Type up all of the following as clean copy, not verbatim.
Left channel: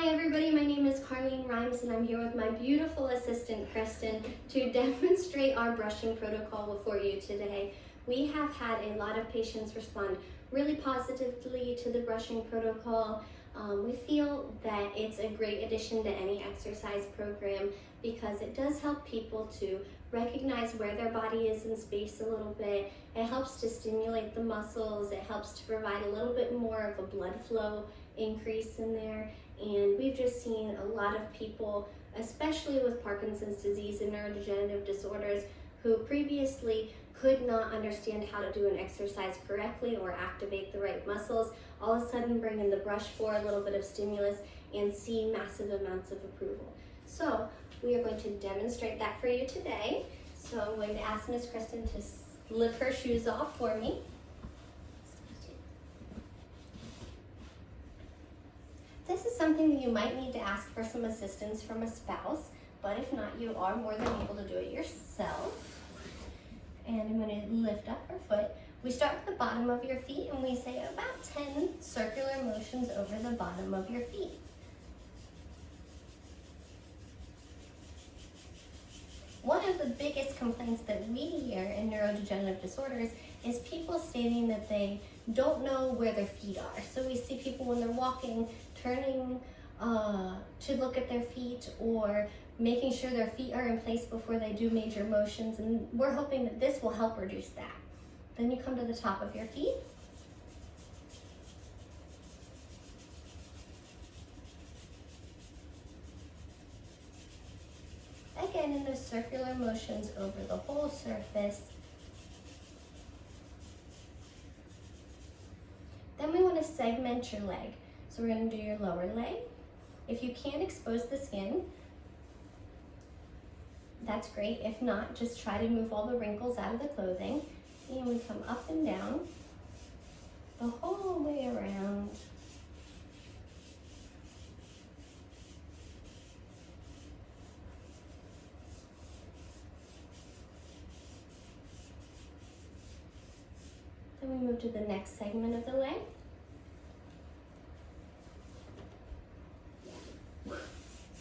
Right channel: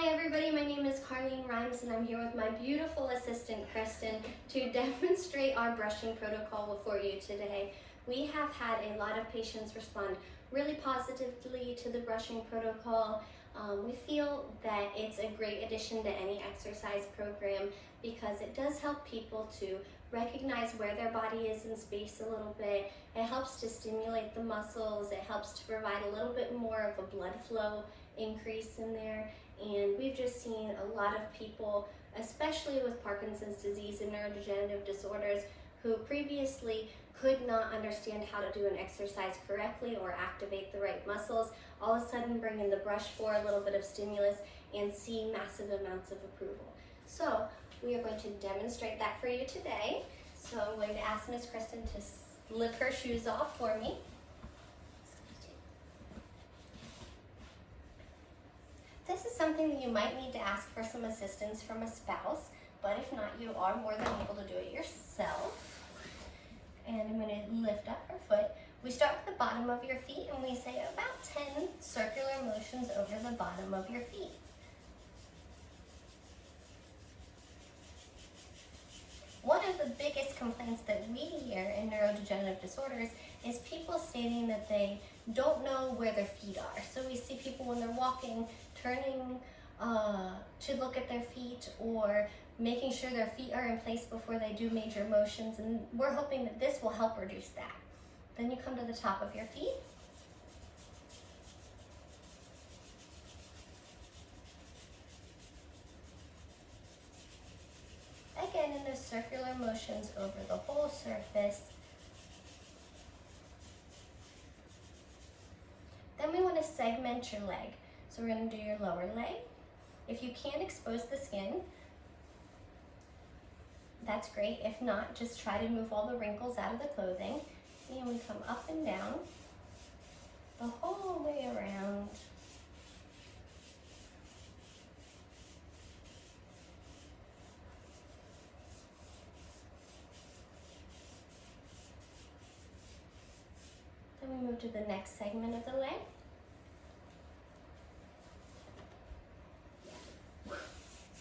Hi everybody, my name is Carlene Rhymes and I'm here with my beautiful assistant Kristen to demonstrate our brushing protocol for you today. We have had a lot of patients respond really positively to the brushing protocol. We feel that it's a great addition to any exercise program because it does help people to recognize where their body is in space a little bit. It helps to stimulate the muscles. It helps to provide a little bit more of a blood flow increase in there. And we've just seen a lot of people, especially with Parkinson's disease and neurodegenerative disorders, who previously could not understand how to do an exercise correctly or activate the right muscles, all of a sudden bring in the brush for a little bit of stimulus and see massive amounts of approval. So we are going to demonstrate that for you today. So I'm going to ask Miss Kristen to slip her shoes off for me. This is something that you might need to ask for some assistance from a spouse, but if not, you are more than able to do it yourself. And I'm going to lift up her foot. We start with the bottom of your feet and we say about 10 circular motions over the bottom of your feet. One of the biggest complaints that we hear in neurodegenerative disorders is people stating that they don't know where their feet are. So we see people when they're walking, turning to look at their feet or making sure their feet are in place before they do major motions, and we're hoping that this will help reduce that. Then you come to the top of your feet. Again, in the circular motions over the whole surface. Then we want to segment your leg. So we're going to do your lower leg. If you can't expose the skin, that's great. If not, just try to move all the wrinkles out of the clothing. And we come up and down the whole way around. Then we move to the next segment of the leg.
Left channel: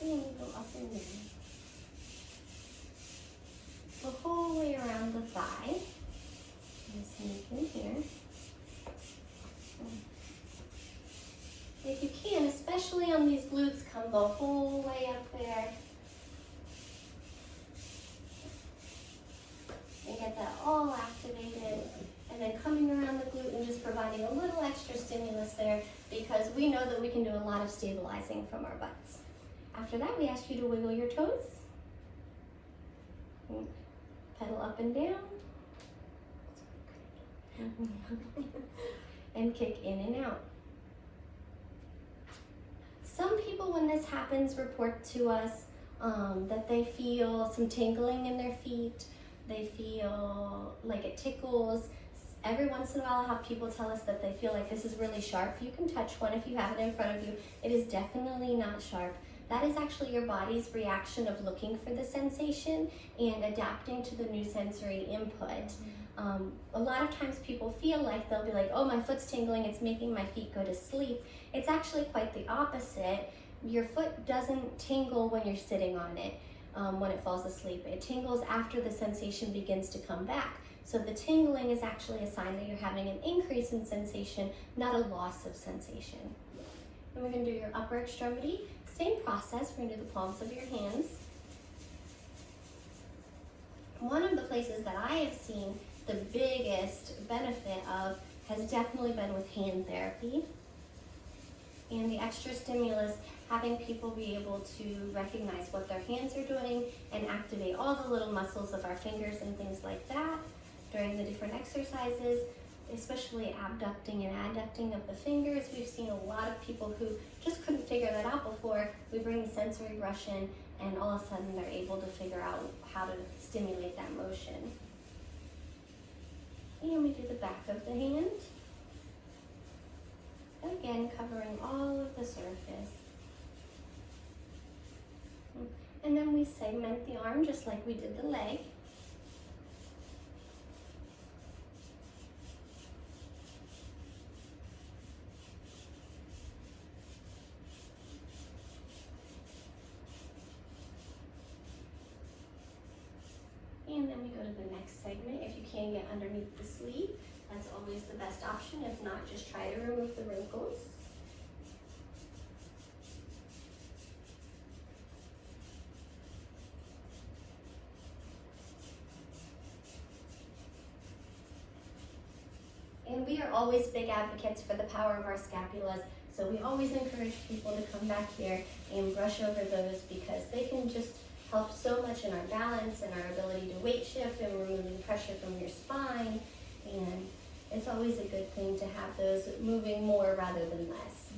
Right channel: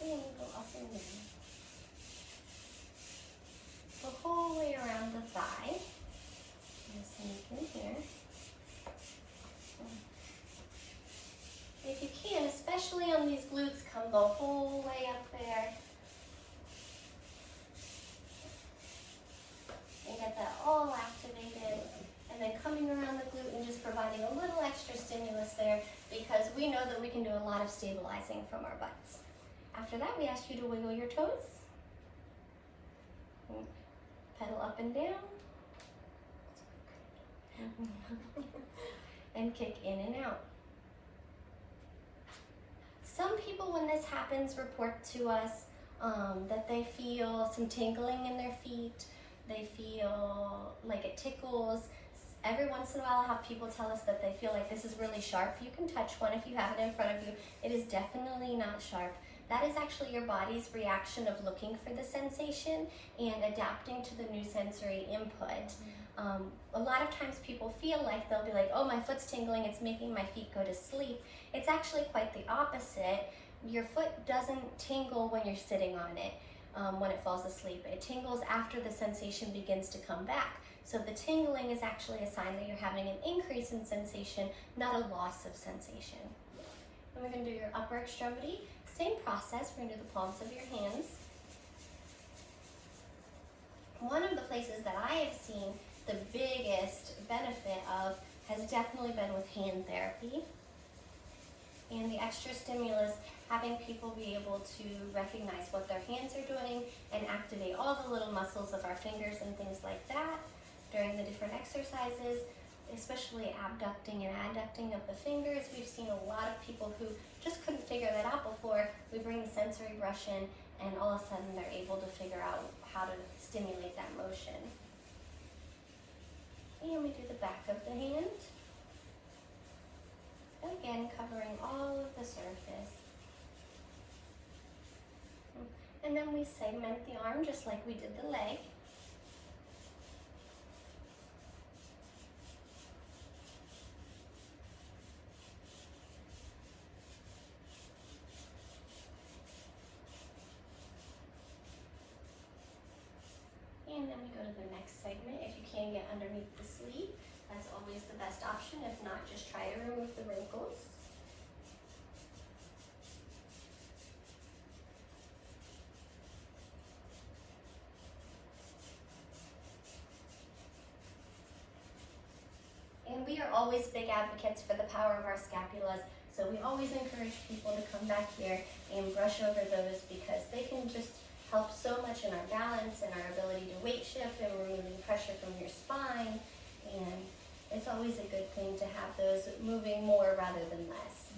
And go up and down. The whole way around the thigh. Just sneak in here. If you can, especially on these glutes, come the whole way up there. And get that all activated. And then coming around the glute and just providing a little extra stimulus there because we know that we can do a lot of stabilizing from our butts. After that, we ask you to wiggle your toes. Pedal up and down. And kick in and out. Some people, when this happens, report to us that they feel some tingling in their feet. They feel like it tickles. Every once in a while I have people tell us that they feel like this is really sharp. You can touch one if you have it in front of you. It is definitely not sharp. That is actually your body's reaction of looking for the sensation and adapting to the new sensory input. A lot of times people feel like they'll be like, oh, my foot's tingling, it's making my feet go to sleep. It's actually quite the opposite. Your foot doesn't tingle when you're sitting on it when it falls asleep. It tingles after the sensation begins to come back. So the tingling is actually a sign that you're having an increase in sensation, not a loss of sensation. And we're going to do your upper extremity. Same process, we're going to do the palms of your hands. One of the places that I have seen the biggest benefit of has definitely been with hand therapy. And the extra stimulus, having people be able to recognize what their hands are doing and activate all the little muscles of our fingers and things like that during the different exercises, especially abducting and adducting of the fingers. We've seen a lot of people who just couldn't figure that out before. We bring the sensory brush in and all of a sudden they're able to figure out how to stimulate that motion. And we do the back of the hand. Again, covering all of the surface. And then we segment the arm just like we did the leg. brush over those because they can just help so much in our balance and our ability to weight shift and removing pressure from your spine. And it's always a good thing to have those moving more rather than less.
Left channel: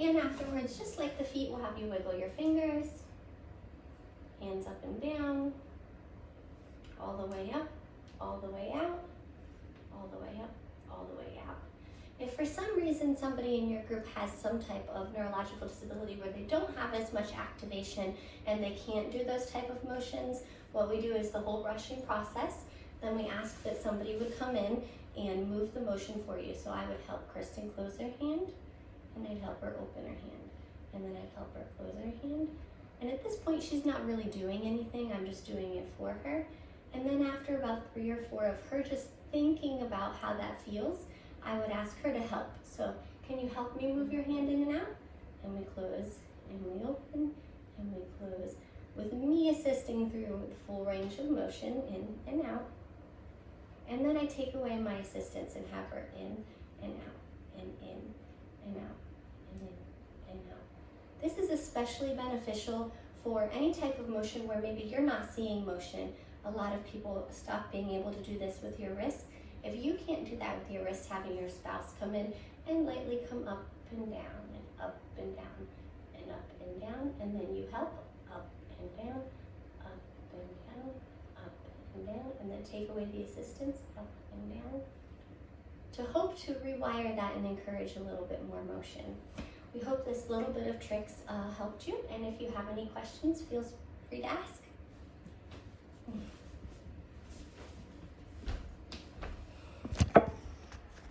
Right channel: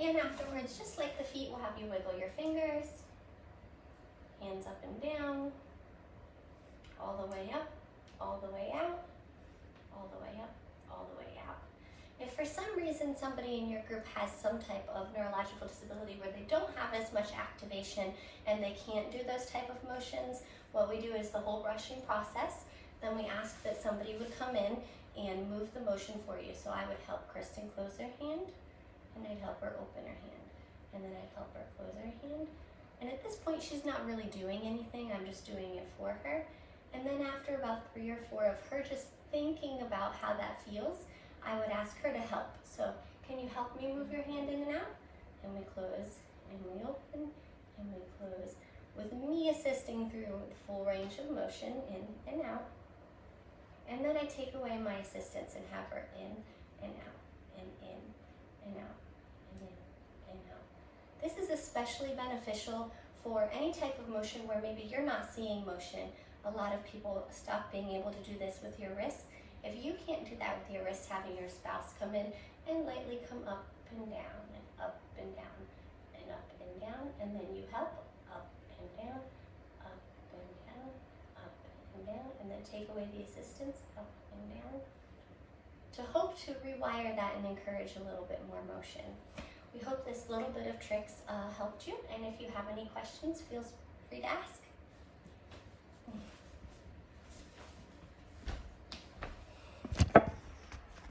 And afterwards, just like the feet, we'll have you wiggle your fingers, hands up and down, all the way up, all the way out, all the way up, all the way out. If for some reason somebody in your group has some type of neurological disability where they don't have as much activation and they can't do those type of motions, what we do is the whole brushing process. Then we ask that somebody would come in and move the motion for you. So I would help Kristen close her hand, and I'd help her open her hand, and then I'd help her close her hand. And at this point, she's not really doing anything. I'm just doing it for her. And then after about 3 or 4 of her just thinking about how that feels, I would ask her to help. So can you help me move your hand in and out? And we close, and we open, and we close, with me assisting through the full range of motion, in and out. And then I take away my assistance and have her in and out, and in and out, and in and out. This is especially beneficial for any type of motion where maybe you're not seeing motion. A lot of people stop being able to do this with your wrists. If you can't do that with your wrists, having your spouse come in and lightly come up and down, and up and down, and up and down, and then you help up and down, up and down, up and down, and then take away the assistance, up and down, to hope to rewire that and encourage a little bit more motion. We hope this little bit of tricks helped you, and if you have any questions, feel free to ask.